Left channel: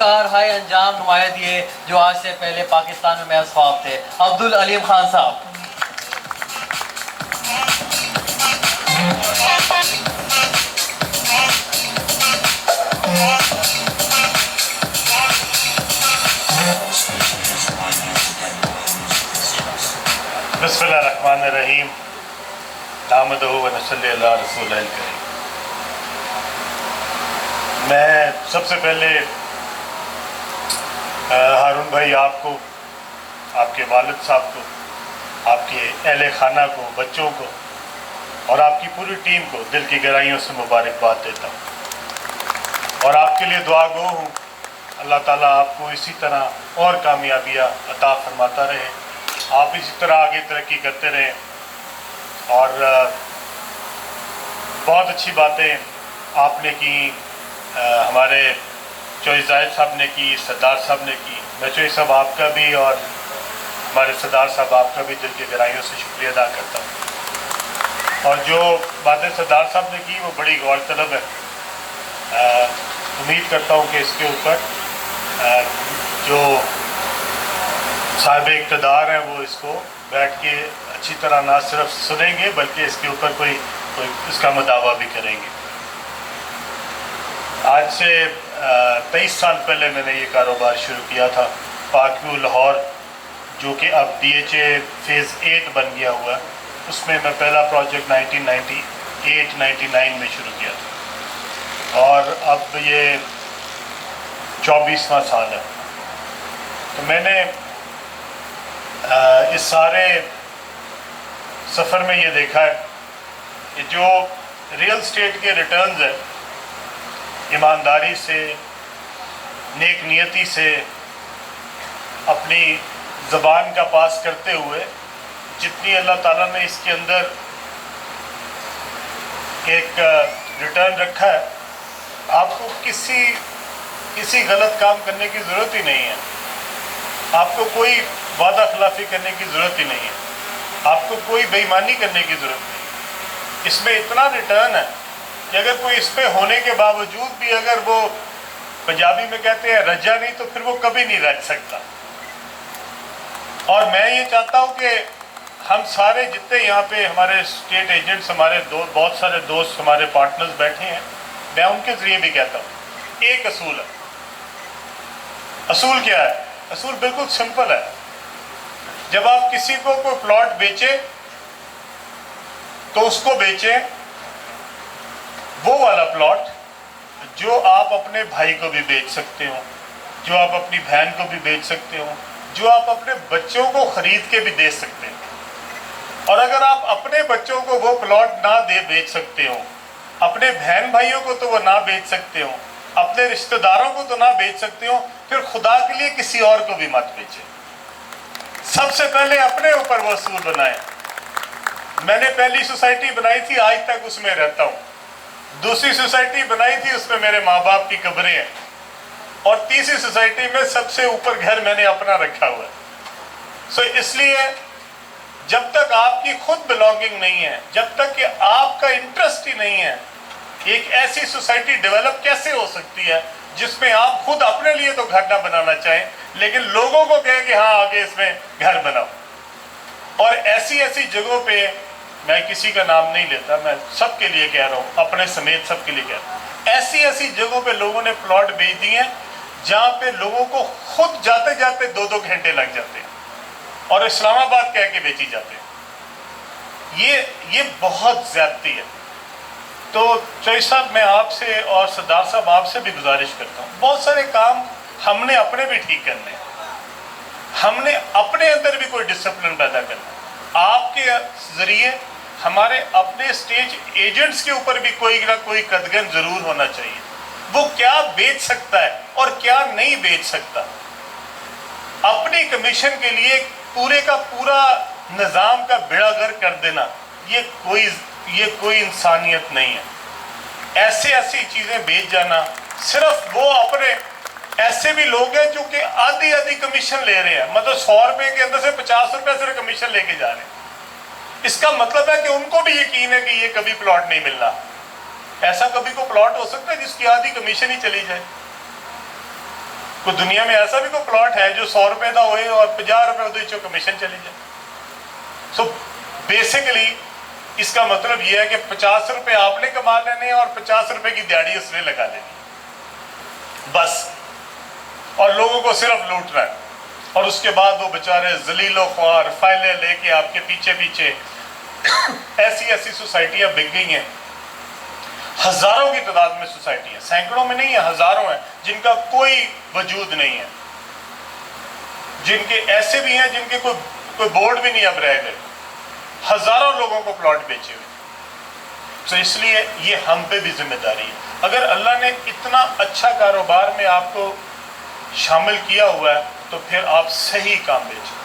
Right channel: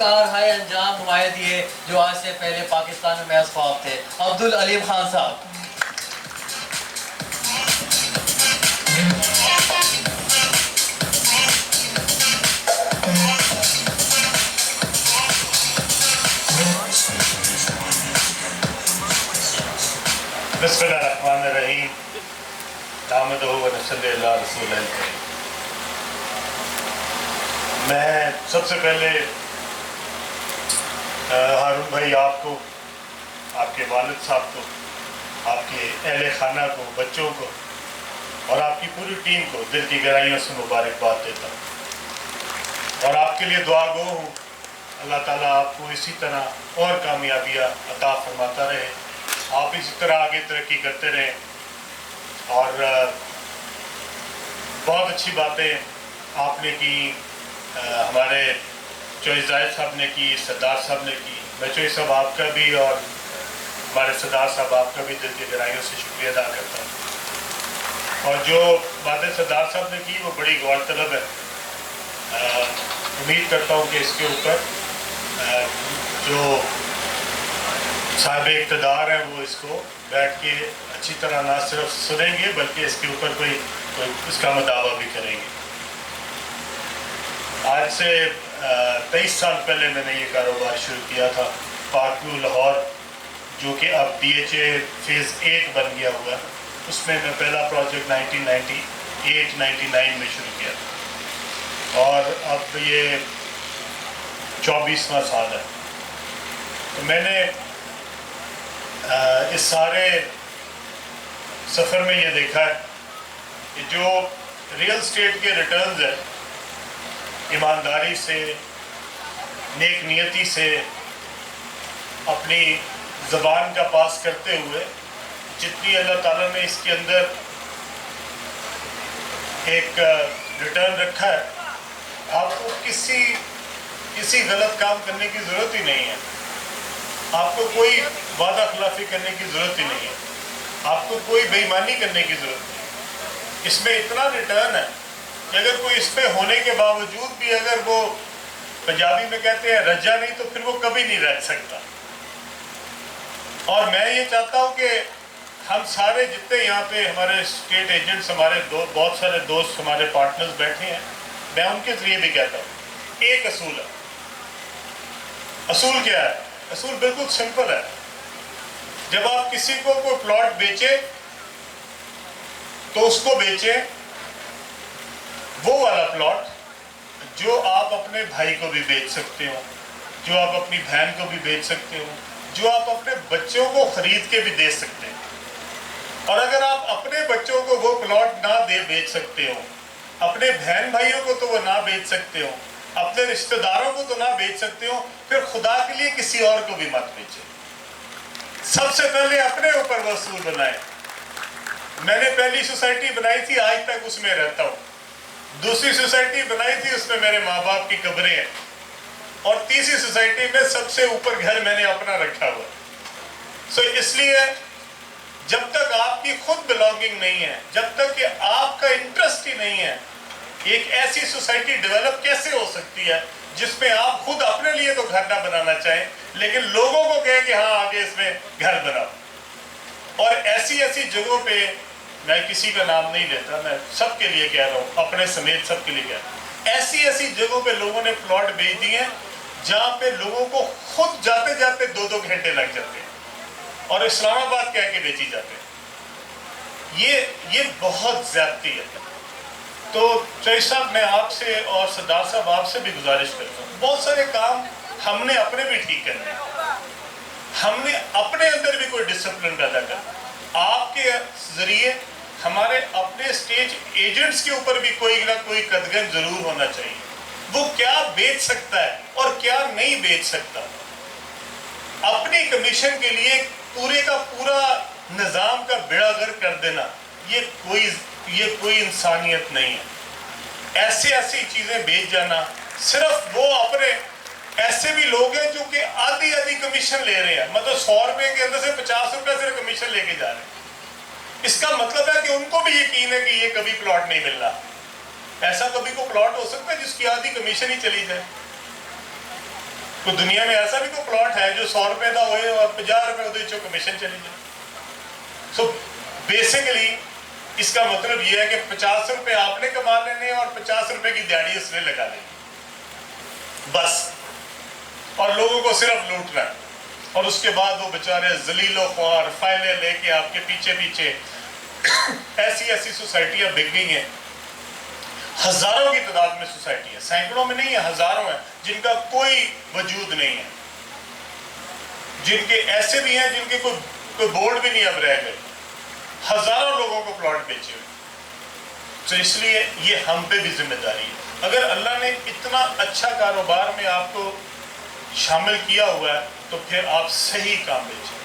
High انجام نمایاں دیے جو آج سے پہلے پاکستان میں محض خواب تھے. عبدالعلیم خان صاحب. بسم اللہ الرحمن الرحیم. نحمدہ و نصلی علی رسول الکریم. میں سب سے پہلے ہارون بھائی آپ کو، آپ کے والد صاحب کو، آپ کے اہل خانہ کو، بچوں کو اور آپ کی پوری ٹیم کو دل کی گہرائیوں سے مبارکباد دیتا ہوں اور آپ کے لیے دعا گو ہوں. اللہ تعالیٰ آپ کو اسی طرح اور کامیابیاں عطا فرماتا رہے، آپ اسی طرح آگے ترقی کرتے رہیں. اور بہت اچھی باتیں آپ نے کی، ہمارے چوہی زاہد صاحب نے کی، سردار صاحب نے کی. میں چوہی صاحب آپ کا بھی اور ہمارے سردار صاحب آپ کا بھی دل کی گہرائیوں سے شکریہ ادا کرتا ہوں. اور جو باتیں سردار صاحب نے کی وہ بڑی غور طلب ہے. امید کرتا ہوں کہ اس کے اوپر جو صاحب اقتدار ہیں وہ اس کو بیٹھ کے اچھی طرح نہ صرف سنیں گے بلکہ اس کے اوپر کوئی اس کا مداوع بھی کریں گے. آج سے 23 سال پہلے میں نے یہ کاروبار شروع کیا تھا. پاک ویو لاہور جو کہ اب DHA فیز 8 بن گیا ہوا ہے، اس میں پہلا پروجیکٹ 1998-99 میں شروع کیا تھا اور اب یہ 24واں سال ہے. تو میں نے اس سارے سفر میں یہ دیکھا ہے کہ جو ریئل اسٹیٹ کے ریٹرنز ہیں، ایمانداری سے، نیک نیتی سے، اپنی زبان کا پاس کرتے ہوئے جتنی اللہ تعالیٰ نے اس کے اندر ایک ریٹرن رکھا ہے، آپ کو کسی غلط کام کرنے کی ضرورت ہی نہیں ہے. آپ کو کوئی وعدہ خلافی کرنے کی ضرورت ہی نہیں ہے. آپ کو کوئی بے ایمانی کرنے کی ضرورت نہیں. اس میں اتنا ریٹرن ہے کہ اگر کوئی اس پہ ہونے کے باوجود بھی اگر وہ پنجابی میں کہتے ہیں رجا نہیں تو پھر وہ کبھی نہیں رہ سکتا. اور میں یہ چاہتا ہوں کہ ہم سارے جتنے یہاں پہ ہمارے اسٹیٹ ایجنٹس، ہمارے بہت سارے دوست، ہمارے پارٹنرز بیٹھے ہیں، میں ان کے ذریعے بھی کہتا ہوں ایک اصول ہے. اصول کیا ہے؟ اصول بالکل سمپل ہے. جب آپ کسی کو کوئی پلاٹ بیچیں تو اس کو بیچیں وہ والا پلاٹ جو آپ اپنے بھائی کو بھی بیچ سکتے ہو، جو آپ اپنی بہن کو بھی بیچ سکتے ہو، جو آپ اپنے بچوں کو خرید کے بھی دے سکتے ہیں. اور اگر آپ اپنے بچوں کو وہ پلاٹ نہ بیچ سکتے ہو، اپنے بہن بھائیوں کو تو وہ نہ بیچ سکتے ہو، اپنے رشتہ داروں کو تو نہ بیچ سکتے ہو، پھر خدا کے لیے کسی اور کو بھی مت بیچیں. سب سے پہلے اپنے اوپر وہ اصول بنائیں. میں نے پہلی سوسائٹی بنائی تھی، آج تک اس میں رہتا ہوں. دوسری سوسائٹی بنائی تھی، اس میں میرے ماں باپ کی قبریں ہیں. اور تیسری سوسائٹی میں سب سے اوپر گھر میں نے اپنا رکھا ہوا ہے. اس لیے جب تک آپ کی خود بلانگنگ نہیں ہے، جب تک کہ آپ کا انٹرسٹ ہی نہیں ہے، ایک ایسی سوسائٹی ڈیولپ کیسے ہو سکتی ہے جس میں آپ خود اپنے لیے تو گھر نہ بنانا چاہیں لیکن لوگوں کو کہیں کہ ہاں آگے اس میں گھر بناؤ. اور ایسی جگہوں پہ، میں کسی کا نام نہیں لیتا، میں سب کے لیے کہہ رہا ہوں، اپنے سمیت سب کے لیے کہہ رہا ہوں، ایسی جگہوں پہ لوگوں نے پلاٹ بیچ دیے ہیں جہاں پہ لوگوں کو خود جاتے جاتے 2-2 گھنٹے لگ جاتے ہیں اور اسلام آباد کہہ کے بیچی جاتے ہیں. یہ بہت زیادتی ہے. تو چوہی صاحب میں آپ سے اور سردار صاحب آپ سے بھی گزارش کرتا ہوں، بہت سارے کام ہم نے اپنے بھی ٹھیک کرنے ہیں. ہم نے اپنے اندر بھی کوئی ڈسپلن پیدا کرنا. آپ کے ذریعے ہمارے اپنے اسٹیج ایجنٹس کے اوپر بھی کوئی نہ کوئی قدغن ضرور ہونا چاہیے. وہ کیا بیچ سکتا ہے اور کیا نہیں بیچ سکتا. اپنی کمیشن کے لیے پورے کا پورا نظام کا بیڑا غرق کر دینا، یہ کوئی انسانیت نہیں ہے. ایسی چیزیں بیچ جانا، صرف وہ اپنے ایسے بھی لوگ ہیں جو کہ آدھی کمیشن لے رہے ہیں، مطلب 100 روپے کے اندر سے 50 روپے صرف کمیشن لے کے جا رہے ہیں. اس کا مطلب ہے کہ ان کو بھی یقین ہے کہ یہ کبھی پلاٹ نہیں ملنا. ایسا کبھی کو پلاٹ ہو سکتا ہے جس کی آدھی کمیشن ہی چلی جائے؟ کوئی دنیا میں ایسا بھی کوئی پلاٹ ہے جو 100 روپے کا ہوئے اور 50 روپے وہ کمیشن چلی جائے؟ سو بیسیکلی اس کا مطلب یہ ہے کہ 50 روپے آپ نے کما لینے اور 50 روپے کی دیہڑی اس نے لگا لینی بس، اور لوگوں کو صرف لوٹنا ہے. اور اس کے بعد وہ بیچارے ذلیل و خوار فائلیں لے کے آپ کے پیچھے پیچھے ایسی سوسائٹیاں بک گئی ہیں، ہزاروں کی تعداد میں سوسائٹیاں، سینکڑوں میں نہیں ہیں، ہزاروں ہیں جن کا کوئی وجود نہیں ہے، جن کے ایسے بھی ہیں جن کے کوئی بورڈ بھی نہیں اب رہ گئے، ہزاروں لوگوں کو پلاٹ بیچے ہوئے. تو اس لیے یہ ہم پہ بھی ذمہ داری ہے. اگر اللہ نے اتنا اچھا کاروبار میں آپ کو شامل کیا ہوا ہے تو پھر آپ صحیح کام بیچیں،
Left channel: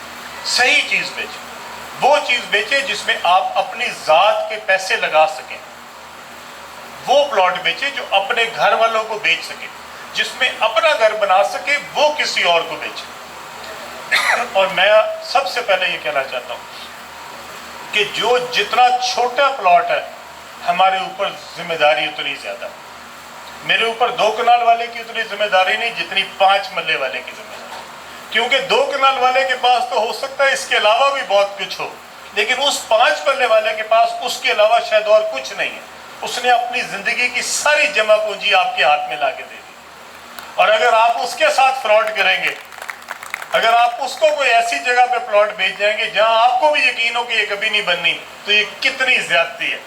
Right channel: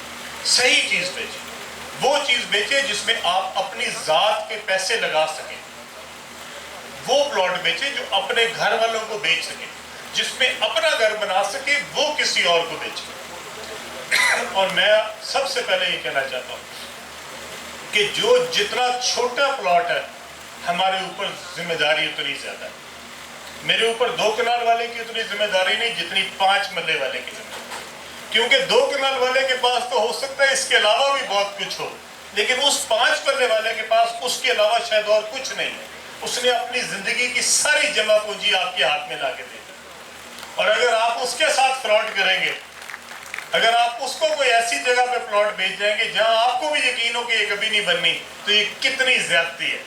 صحیح چیز بیچیں، وہ چیز بیچیں جس میں آپ اپنی ذات کے پیسے لگا سکیں، وہ پلاٹ بیچیں جو اپنے گھر والوں کو بیچ سکیں، جس میں اپنا گھر بنا سکے وہ کسی اور کو بیچیں. اور میں سب سے پہلے یہ کہنا چاہتا ہوں کہ جتنا چھوٹا پلاٹ ہے ہمارے اوپر ذمہ داری اتنی زیادہ. میرے اوپر 2 کنال والے کی اتنی ذمہ داری نہیں جتنی 5 مرلے والے کی ذمہ داری، کیونکہ 2 کنال والے کے پاس تو ہو سکتا ہے اس کے علاوہ بھی بہت کچھ ہو، لیکن اس 5 مرلے والے کے پاس اس کے علاوہ شاید اور کچھ نہیں ہے. اس نے اپنی زندگی کی ساری جمع پونجی آپ کے ہاتھ میں لا کے دے دی، اور اگر آپ اس کے ساتھ فراڈ کریں گے، اگر آپ اس کو کوئی ایسی جگہ پہ پلاٹ بیچ جائیں گے جہاں آپ کو بھی یقین ہو کہ یہ کبھی نہیں بننی، تو یہ کتنی زیادتی ہے.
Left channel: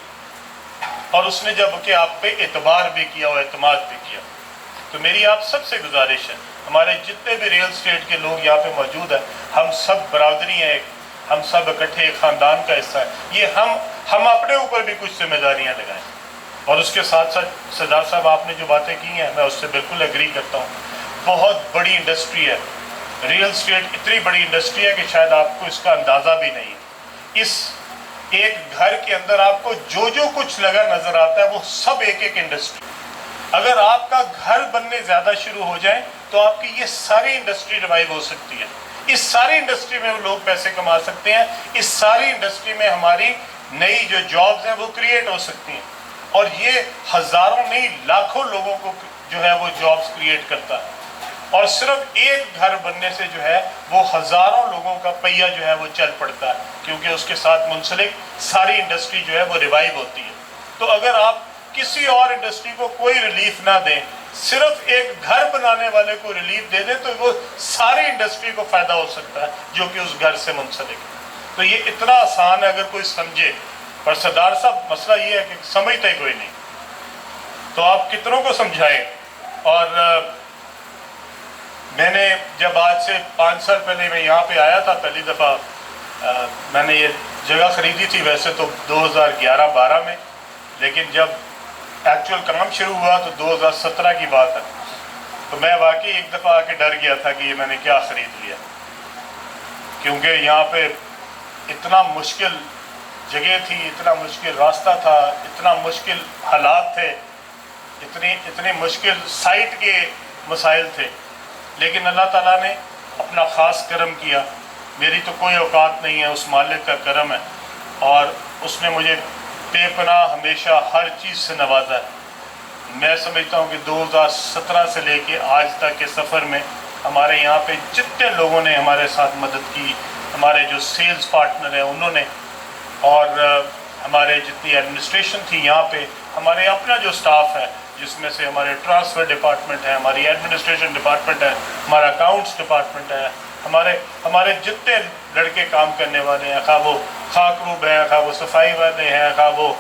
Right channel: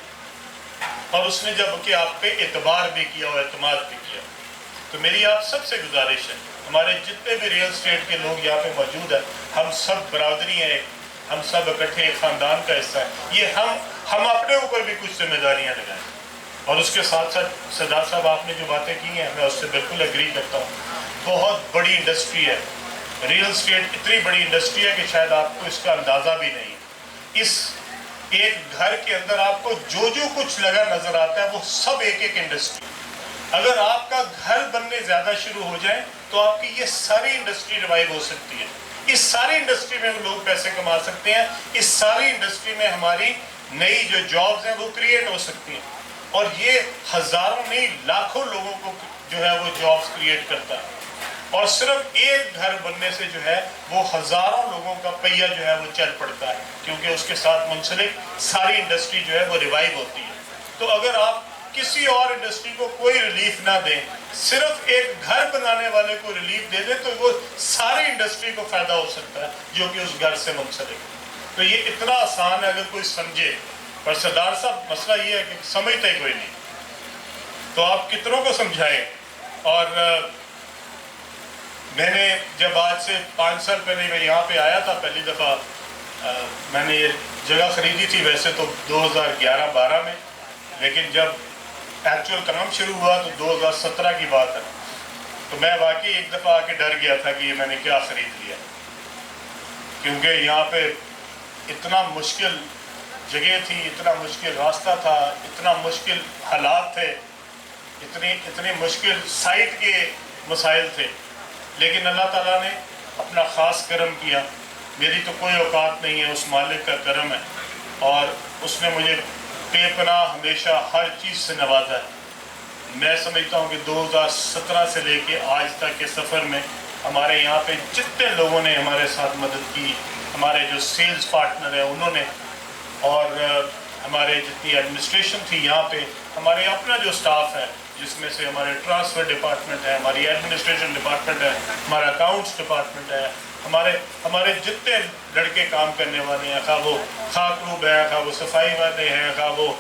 اور اس نے جب کہ آپ پہ اعتبار بھی کیا اور اعتماد بھی کیا. تو میری آپ سب سے گزارش ہے، ہمارے جتنے بھی ریل اسٹیٹ کے لوگ یہاں پہ موجود ہیں، ہم سب برادری ہیں، ہم سب اکٹھے ایک خاندان کا حصہ ہے. یہ ہم اپنے اوپر بھی کچھ ذمہ داریاں لگائیں. اور اس کے ساتھ ساتھ سردار صاحب آپ نے جو باتیں کی ہیں میں اس سے بالکل ایگری کرتا ہوں. بہت بڑی انڈسٹری ہے ریئل اسٹیٹ، اتنی بڑی انڈسٹری ہے کہ شاید آپ کو اس کا اندازہ بھی نہیں. اس ایک گھر کے اندر آپ کو جو کچھ لگا نظر آتا ہے وہ سب ایک انڈسٹری. اگر آپ کا گھر بننے زیادہ شروع ہو جائیں تو آپ کی یہ ساری انڈسٹری ریوائیو ہو سکتی ہے. اس ساری انڈسٹری میں لوگ پیسے کما سکتے ہیں، اس ساری انڈسٹری میں ہماری نئی جو جابز ہیں وہ کریٹ ہو سکتی ہیں. اور یہ ہزاروں نہیں لاکھوں لوگوں کو جو ہے وہ جابز کریٹ کرتا ہے. اور صرف ایک گھر بننے سے جو ہے وہ ہزاروں لوگوں کا پہیہ جو ہے وہ چل پڑتا ہے، کیونکہ اس کے ساتھ منسلک ساری انڈسٹری جو ہے وہ ریوائیو ہوتی ہے. تو اگر آپ کسی اور انڈسٹری کو کوئی ریلیف نہ دیں، صرف ایک گھر بنانے والے کو ریلیف دے دیں، تو وہ ساری انڈسٹری کو فائدہ ہو سکتا ہے جو کہ اس گھر سے منسلک ہے. تو یہ اتنا آسان ہے اگر کوئی سمجھے. پر سردار صاحب مسئلہ یہ ہے کہ سمجھتے کوئی نہیں، تو آپ کتنوں کو سمجھائیں. اور میں نے جب آج سے 5 سال پہلے میں یہاں پہ آیا تھا پہلی دفعہ، میں نے یہ جگہ خریدی تھی ویسے تو 2011-12 میں، لیکن جب ایکچوئل کام شروع ہوا تو 2017 کی بات ہے. تو میں واقعی ایک دفعہ آ کے ڈر گیا تھا کہ یہ میں نے کیا خرید لیا، کیونکہ یہاں پہ اتنا مشکل جگہ تھی، اتنا مشکل راستہ تھا، اتنا مشکل حالات تھے، اتنی مشکل سائٹ کے مسائل تھے. لیکن اللہ تعالیٰ نے اپنا خاص کرم کیا. میری تو کوئی اوقات نہیں ہے، اس مالک کا کرم ہے، اور اس نے مجھے بے پناہ ہمیشہ ہر چیز سے نوازا ہے. میں سمجھتا ہوں کہ 2017 سے لے کے آج تک کے سفر میں ہمارے یہاں پہ جتنے لوگوں نے ہمارے ساتھ مدد کی، ہمارے جو سیلز پارٹنر ہیں انہوں نے، اور ہمارے جتنی ایڈمنسٹریشن تھی یہاں پہ، ہمارے اپنا جو سٹاف ہے جس میں سے ہمارے ٹرانسفر ڈپارٹمنٹ ہے، ہماری ایڈمنسٹریشن ڈپارٹمنٹ ہے، ہمارا اکاؤنٹس ڈپارٹمنٹ ہے، ہمارے جتنے لڑکے کام کرنے والے ہیں، خواہ وہ خاک روب ہیں، خواہ وہ صفائی والے ہیں، خواہ وہ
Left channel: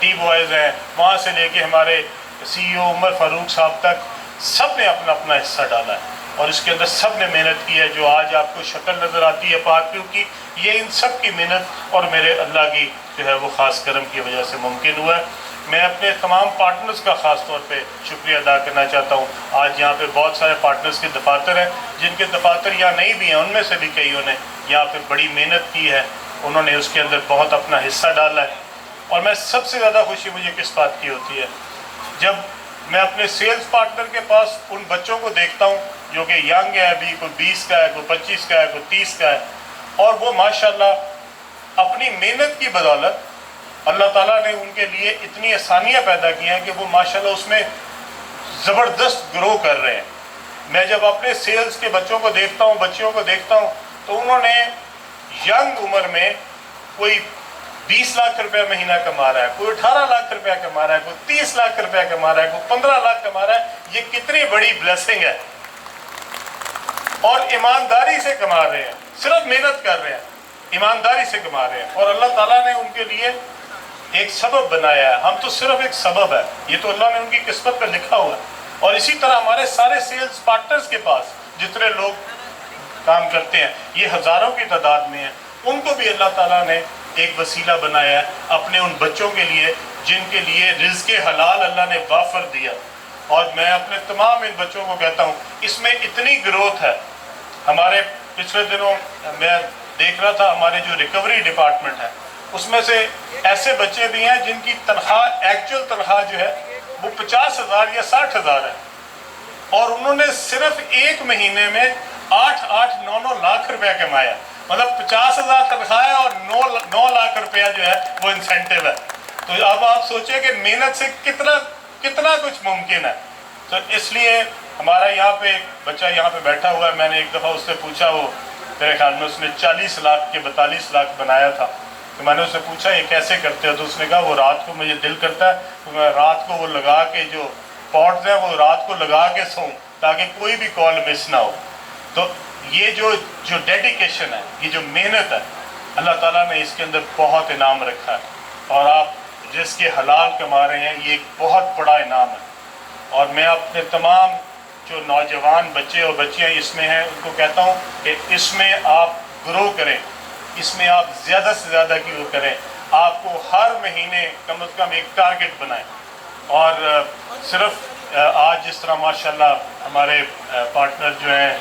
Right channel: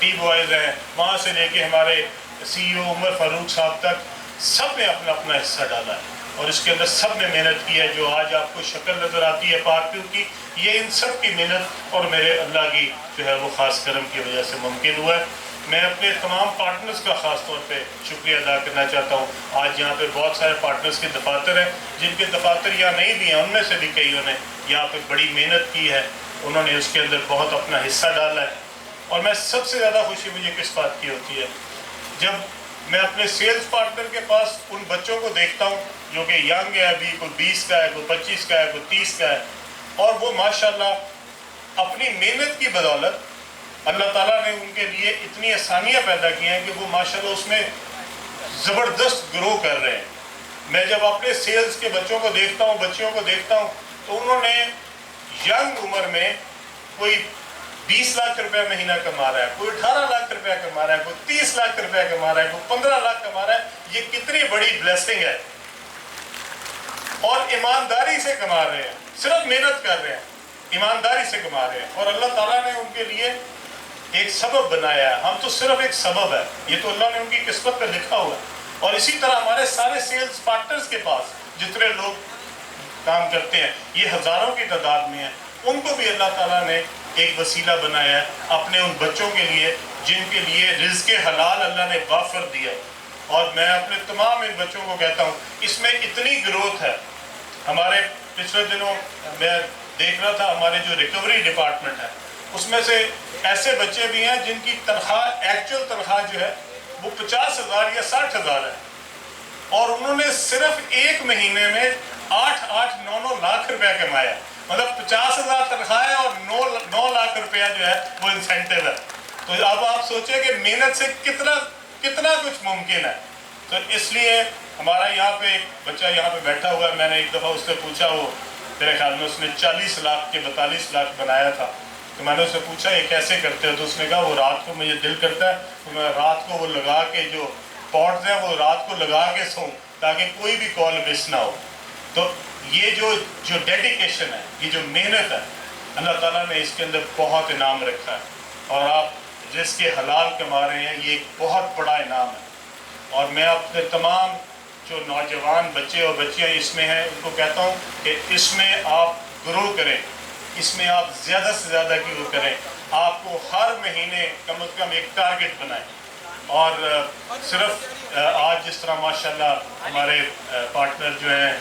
ٹی بوائز ہیں، وہاں سے لے کے ہمارے سی او عمر فاروق صاحب تک، سب نے اپنا اپنا حصہ ڈالا ہے. اور اس کے اندر سب نے محنت کی ہے. جو آج آپ کو شکل نظر آتی ہے پارٹیوں کی، یہ ان سب کی محنت اور میرے اللہ کی جو ہے وہ خاص کرم کی وجہ سے ممکن ہوا ہے. میں اپنے تمام پارٹنرز کا خاص طور پہ شکریہ ادا کرنا چاہتا ہوں. آج یہاں پہ بہت سارے پارٹنرز کے دفاتر ہیں، جن کے دفاتر یہاں نہیں بھی ہیں، ان میں سے بھی کئیوں نے یہاں پہ بڑی محنت کی ہے، انہوں نے اس کے اندر بہت اپنا حصہ ڈالا ہے. اور میں سب سے زیادہ خوشی مجھے کس بات کی ہوتی ہے، جب میں اپنے سیلز پارٹنر کے پاس ان بچوں کو دیکھتا ہوں جو کہ ینگ ہے، ابھی کوئی 20 کا ہے، کوئی 25 کا ہے، کوئی 30 کا ہے، اور وہ ماشاءاللہ اپنی محنت کی بدولت اللہ تعالیٰ نے ان کے لیے اتنی آسانیاں پیدا کی ہیں کہ وہ ماشاءاللہ اس میں زبردست گرو کر رہے ہیں. میں جب اپنے سیلز کے بچوں کو دیکھتا ہوں، بچیوں کو دیکھتا ہوں، تو انہوں نے ینگ عمر میں کوئی 20 لاکھ روپے مہینہ کما رہا ہے، کوئی 18 لاکھ روپے کما رہا ہے، کوئی 30 لاکھ روپے کما رہا ہے، کوئی 15 لاکھ کما رہا ہے۔ یہ کتنی بڑی بلیسنگ ہے، اور ایمانداری سے کما رہے ہیں، صرف محنت کر رہے ہیں، ایمانداری سے کما رہے ہیں، اور اللہ تعالیٰ نے ان کے لیے ایک سبب بنایا ہے۔ ہم تو صرف ایک سبب ہے، یہ تو اللہ نے ان کی قسمت پہ لکھا ہوا ہے۔ اور اسی طرح ہمارے سارے سیلز پارٹنرز کے پاس جتنے لوگ کام کرتے ہیں، یہ ہزاروں کی تعداد میں ہیں، ان کو بھی اللہ تعالیٰ نے ایک وسیلہ بنایا ہے اپنے ان بچوں کے لیے جن کے لیے رزق حلال اللہ نے وافر دیا۔ اور میں اپنے تمام ان بچوں کو کہتا ہوں، اس میں اتنی گروتھ ہے۔ ہمارے پچھلے دنوں میں دیکھ رہا تھا، ہمارے جو ریکوری ڈپارٹمنٹ ہے، اس میں سے ایسے بچے بھی ہیں جن کی تنخواہ، ایکچوئل تنخواہ جو ہے وہ 50,000 یا 60,000 ہے، اور انہوں نے صرف ایک مہینے میں 8-9 لاکھ روپے کمایا۔ مطلب 50,000 تنخواہ ہے اور 9 لاکھ روپیہ جو ہے وہ انسینٹیو ہے۔ تو اب آپ سوچیں کہ محنت سے کتنا کچھ ممکن ہے۔ تو اس لیے ہمارا یہاں پہ ایک بچہ یہاں پہ بیٹھا ہوا ہے، میں نے ایک دفعہ اس سے پوچھا، وہ میرے خیال میں اس نے 40 لاکھ کے 42 لاکھ بنایا تھا، تو میں نے اس سے پوچھا یہ کیسے کرتے ہو؟ تو اس نے کہا وہ رات کو مجھے دل کرتا ہے تو میں رات کو وہ لگا کے، جو پوڈز ہیں وہ رات کو لگا کے سوؤں تاکہ کوئی بھی کال مس نہ ہو۔ تو یہ جو ڈیڈیکیشن ہے، یہ جو محنت ہے، اللہ تعالیٰ نے اس کے اندر بہت انعام رکھا ہے، اور آپ جس کے حلال کما رہے ہیں، یہ ایک بہت بڑا انعام ہے۔ اور میں اپنے تمام جو نوجوان بچے اور بچیاں اس میں ہیں، ان کو کہتا ہوں کہ اس میں آپ گرو کریں، اس میں آپ زیادہ سے زیادہ کی کریں۔ آپ کو ہر مہینے کم از کم ایک ٹارگٹ بنائیں، اور صرف آج جس طرح ماشاءاللہ ہمارے پارٹنر جو ہیں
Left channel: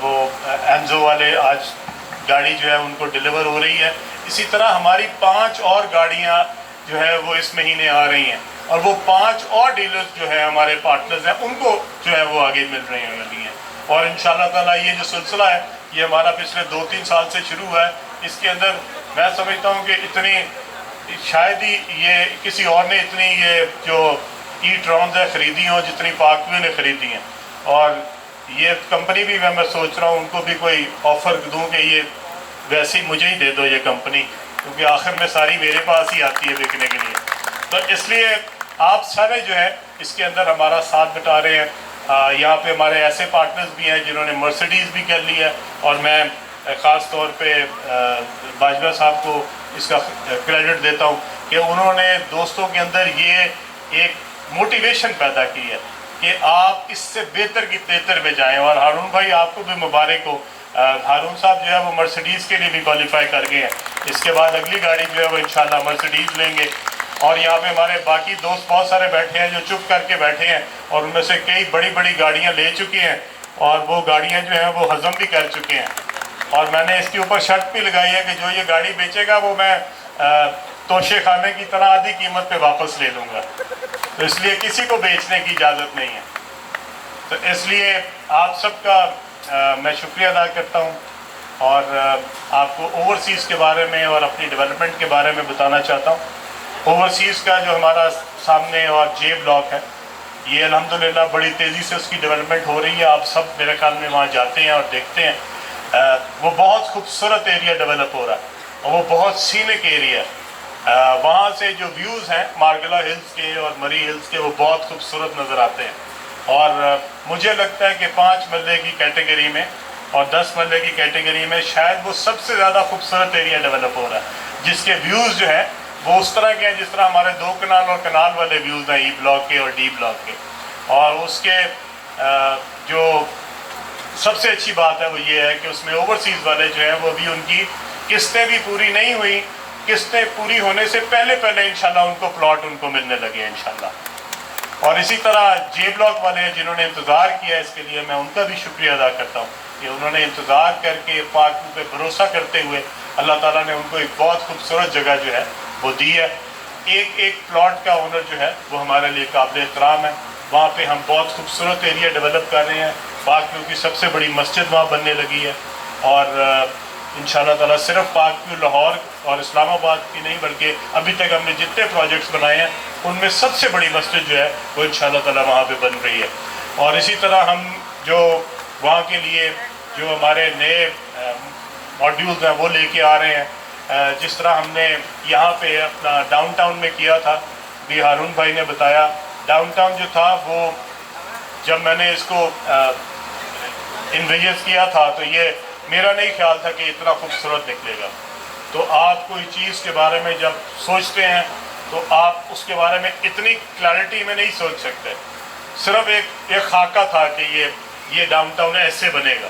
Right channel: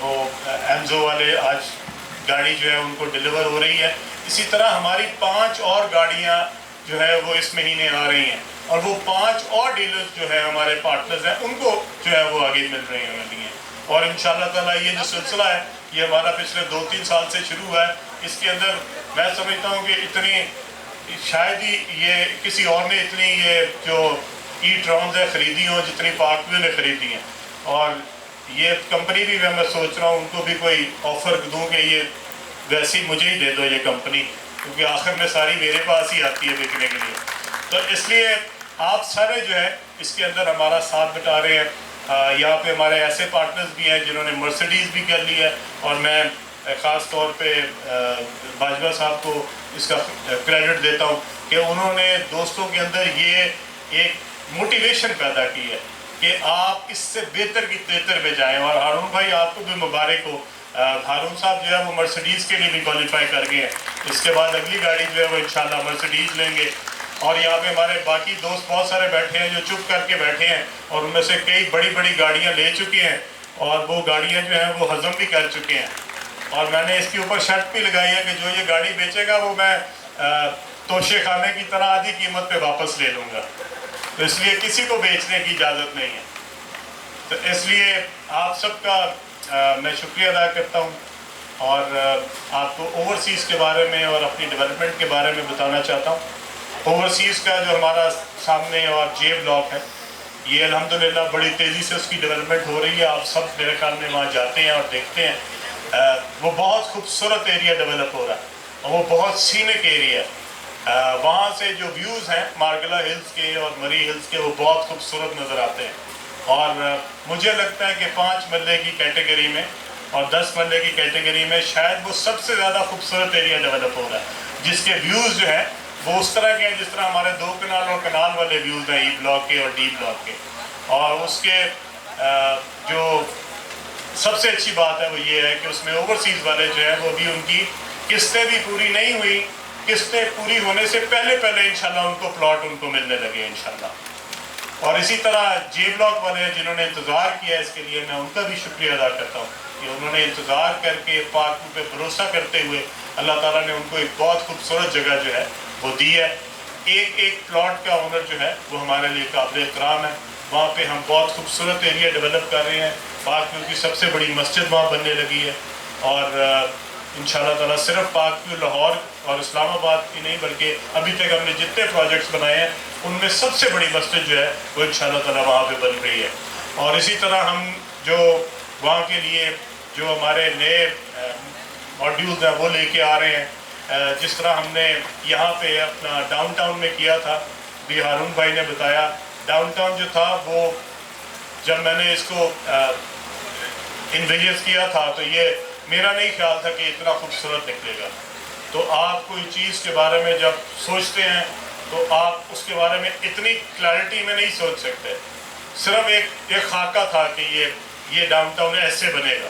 وہ ایمزو والے، آج گاڑی جو ہے ان کو ڈیلیور ہو رہی ہے، اسی طرح ہماری 5 اور گاڑیاں جو ہے وہ اس مہینے آ رہی ہیں، اور وہ 5 اور ڈیلرز جو ہیں ہمارے پارٹنرز ہیں، ان کو جو ہے وہ آگے مل رہی ہیں۔ اور انشاءاللہ تعالیٰ یہ جو سلسلہ ہے، یہ ہمارا پچھلے 2-3 سال سے شروع ہوا ہے۔ اس کے اندر میں سمجھتا ہوں کہ اتنی شاید ہی یہ کسی اور نے اتنی یہ جو ای ٹرونز ہے خریدی ہوں جتنی پاکویو نے خریدی ہیں۔ اور یہ کمپنی بھی میں سوچ رہا ہوں ان کو بھی کوئی آفر دوں کہ یہ ویسی مجھے ہی دے دو یہ کمپنی، کیونکہ آخر میں ساری میرے پاس ہی آتی ہے بیچنے کے لیے۔ تو اس لیے آپ سارے جو ہے اس کے اندر ہمارا ساتھ بٹا رہے ہیں۔ یہاں پہ ہمارے ایسے پارٹنرز بھی ہیں جنہوں نے مرسڈیز بھی کر لی ہے، اور میں خاص طور پہ باجوہ صاحب کو اس کا کریڈٹ دیتا ہوں کہ انہوں نے دوستوں کے اندر یہ ایک موٹیویشن پیدا کی ہے کہ آپ اس سے بہتر کی بہتر میں جائیں۔ اور ہارون بھائی آپ کو بھی مبارک ہو، ہارون صاحب جو ہے وہ مرسڈیز کے لیے بھی کوالیفائی کر گئے ہیں، اس کے بعد اگلی گاڑی جو ہے وہ انشاءاللہ مرسڈیز لیں گے۔ اور یہاں پہ ہمارے باقی دوست بہت سارے بیٹھے ہیں جو چپ کر کے بیٹھے ہیں، اور ان میں سے کئی بڑی بڑی گاڑیاں لے چکے ہیں، اور وہ گاڑیاں جو ہیں وہ ہضم بھی کر چکے ہیں۔ اور میں نے اس کے اوپر شرط بھی لگائی ہے کہ جو یہ گاڑی بیچے گا وہ میں توشے خانے کی طرح آدھی قیمت پہ واپس لے لوں گا، اس لیے کسی کو بیچنے کی اجازت نہیں ہے۔ تو اس لیے آپ سب کا میں شکریہ ادا کرتا ہوں، اور آپ کو اوورسیز کے بارے میں اور اپنی ڈیولپمنٹ کے بارے میں بتانا چاہتا ہوں۔ اوورسیز کا جو ہمارا سامنے اور جے بلاک ہے، یہ الحمدللہ بڑی تیزی سے اس کی ڈیولپمنٹ ہو رہی ہے۔ آپ سب میرے خیال میں وہاں جاتے ہیں اور دیکھتے ہیں، وہ بہت خوبصورت ایریا ڈیولپ ہو رہا ہے، اور وہ بہت سینک ایریا ہے۔ وہاں سے جو ویوز ہیں مارگلا ہلز کے اور مری ہلز کے، وہ بہت خوبصورت نظر آتے ہیں۔ اور مجھے لگتا ہے کہ 5 مرلے کی کیٹیگری میں اور 10 مرلے کی کیٹیگری میں شاید وہ سب سے زیادہ خوبصورت ایریا ڈیولپ ہو رہا ہے، جس کے ویوز جو ہیں وہ اس طرح کے ہیں جس طرح ہمارے 2 کنال اور کنال والے ویوز ہیں، ای بلاک کے اور ڈی بلاک کے۔ اور اس کے جو سب سے اچھی بات ہے وہ یہ ہے کہ اس میں اوورسیز والے جو ہیں وہ بھی ان کی قسطیں بھی پوری نہیں ہوئی، قسطیں پوری ہونے سے پہلے انشاءاللہ ان کو پلاٹ ان کو ملنے لگے انشاءاللہ۔ اور اسی طرح جے بلاک والے ہیں جنہوں نے انتظار کیا اس کے لیے، میں ان کا بھی شکریہ ادا کرتا ہوں کہ انہوں نے انتظار کر کے پاک پہ بھروسہ کرتے ہوئے اللہ تعالیٰ نے ان کو ایک بہت خوبصورت جگہ جو ہے وہ دی ہے۔ ایک پلاٹ کا اونر جو ہے وہ ہمارے لیے قابل احترام ہے۔ وہاں پہ ہم بہت خوبصورت ایریا ڈیولپ کر رہے ہیں، پاک ویو کی سب سے بڑی مسجد وہاں بننے لگی ہے، اور انشاءاللہ تعالیٰ صرف پاک ویو لاہور اور اسلام آباد کی نہیں بلکہ ابھی تک ہم نے جتنے پروجیکٹس بنائے ہیں ان میں سب سے بڑی مسجد جو ہے وہ انشاءاللہ تعالیٰ وہاں پہ بن رہی ہے۔ اور اسی طرح ہم جو وہاں کے لیے جو ہمارے نئے ماڈیولز ہیں وہ لے کے آ رہے ہیں. جس طرح ہم نے یہاں پہ اپنا ڈاؤن ٹاؤن میں کیا تھا، بھی ہارون بھائی نے بتایا، ڈاؤن ٹاؤن جو تھا وہ جب میں نے اس کو انویژن کیا تھا تو یہ میرا نہیں خیال تھا کہ اتنا خوبصورت نکلے گا. تو آپ کوئی چیز کے بارے میں جب سوچتے ہیں تو آپ اس کے بارے میں اتنی کلیئرٹی میں نہیں سوچ سکتے. صرف ایک خاکہ تھا کہ یہ ڈاؤن ٹاؤن ایسے بنے گا،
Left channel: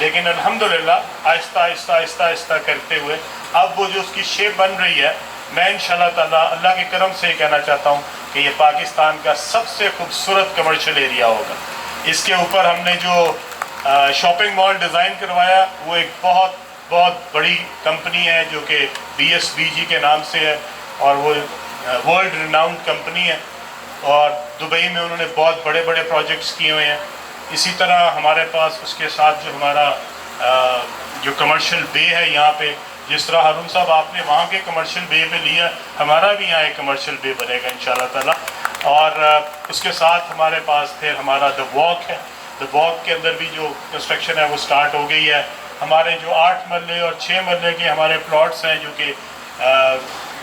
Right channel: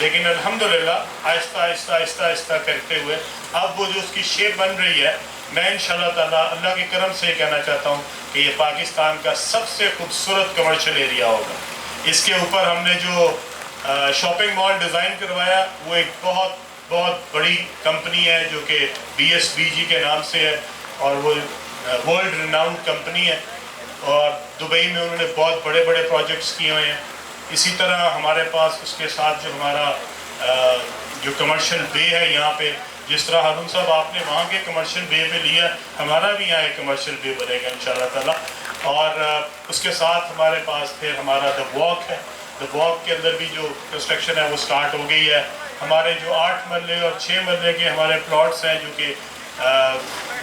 لیکن الحمدللہ آہستہ آہستہ آہستہ آہستہ کرتے ہوئے اب وہ جو اس کی شیپ بن رہی ہے، میں انشاءاللہ تعالیٰ اللہ کے کرم سے یہ کہنا چاہتا ہوں کہ یہ پاکستان کا سب سے خوبصورت کمرشل ایریا ہوگا. اس کے اوپر ہم نے جو شاپنگ مال ڈیزائن کروایا وہ ایک بہت بہت بڑی کمپنی ہے جو کہ BSBG کے نام سے ہے، اور وہ ورلڈ ریناؤنڈ کمپنی ہے، اور دبئی میں انہوں نے بہت بڑے بڑے پروجیکٹس کیے ہوئے ہیں. اسی طرح ہمارے پاس اس کے ساتھ جو ہمارا جو کمرشل بے ہے یہاں پہ، جس طرح ہارون صاحب آپ نے وہاں کے کمرشل بے پہ لیا، ہمارا بھی یہاں ایک کمرشل بے بنے گا انشاءاللہ تعالیٰ. اور اس کے ساتھ ہمارے پاس پھر ہمارا دا واک ہے. دا واک کے اندر بھی جو کنسٹرکشن ہے وہ سٹارٹ ہو گئی ہے. ہمارے جو 8 مرلے اور 6 مرلے کے ہمارے پلاٹس ہیں جو کہ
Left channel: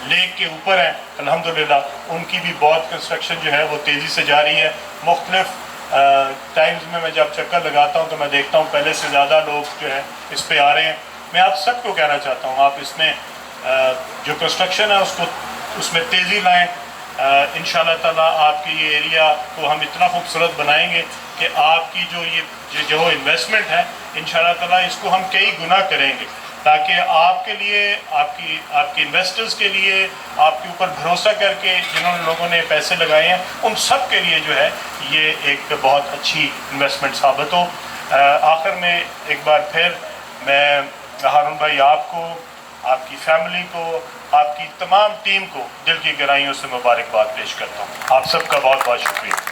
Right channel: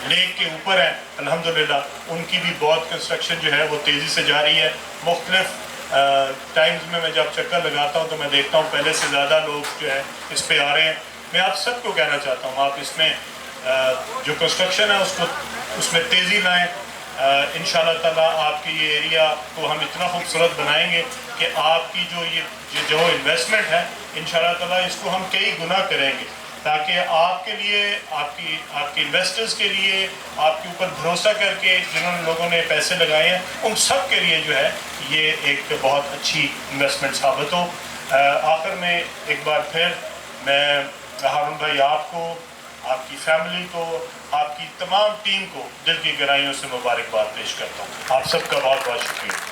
لیک کے اوپر ہیں، الحمدللہ ان کی بھی بہت کنسٹرکشن جو ہے وہ تیزی سے جاری ہے. مختلف ٹائمز میں جب چکر لگاتا ہوں تو میں دیکھتا ہوں پہلے سے زیادہ لوگ جو ہے اس پہ آ رہے ہیں. میں آپ سب کو کہنا چاہتا ہوں آپ اس میں جو کنسٹرکشن ہے اس میں تیزی لائیں. انشاءاللہ تعالیٰ آپ کی یہ ایریا کو ہم اتنا خوبصورت بنائیں گے کہ آپ کی جو انویسٹمنٹ ہے انشاءاللہ تعالیٰ اس کو ہم کئی گنا کریں گے، تاکہ آپ کے لیے، آپ کی انویسٹرز کے لیے، آپ کے اوپر بھروسہ کر کے جنہوں نے لوگوں نے پیسے لگائے ہیں ان سب کے لیے جو ہے یہ ایک بہت اچھی انویسٹمنٹ ثابت ہو. آخر میں ایک بار پھر میں ہارون بھائی آپ کو، آپ کی فیملی کو، آپ کی تمام ٹیم کو دل کی گہرائیوں سے مبارکباد پیش کرتا ہوں. آپ سب کا بہت بہت شکریہ.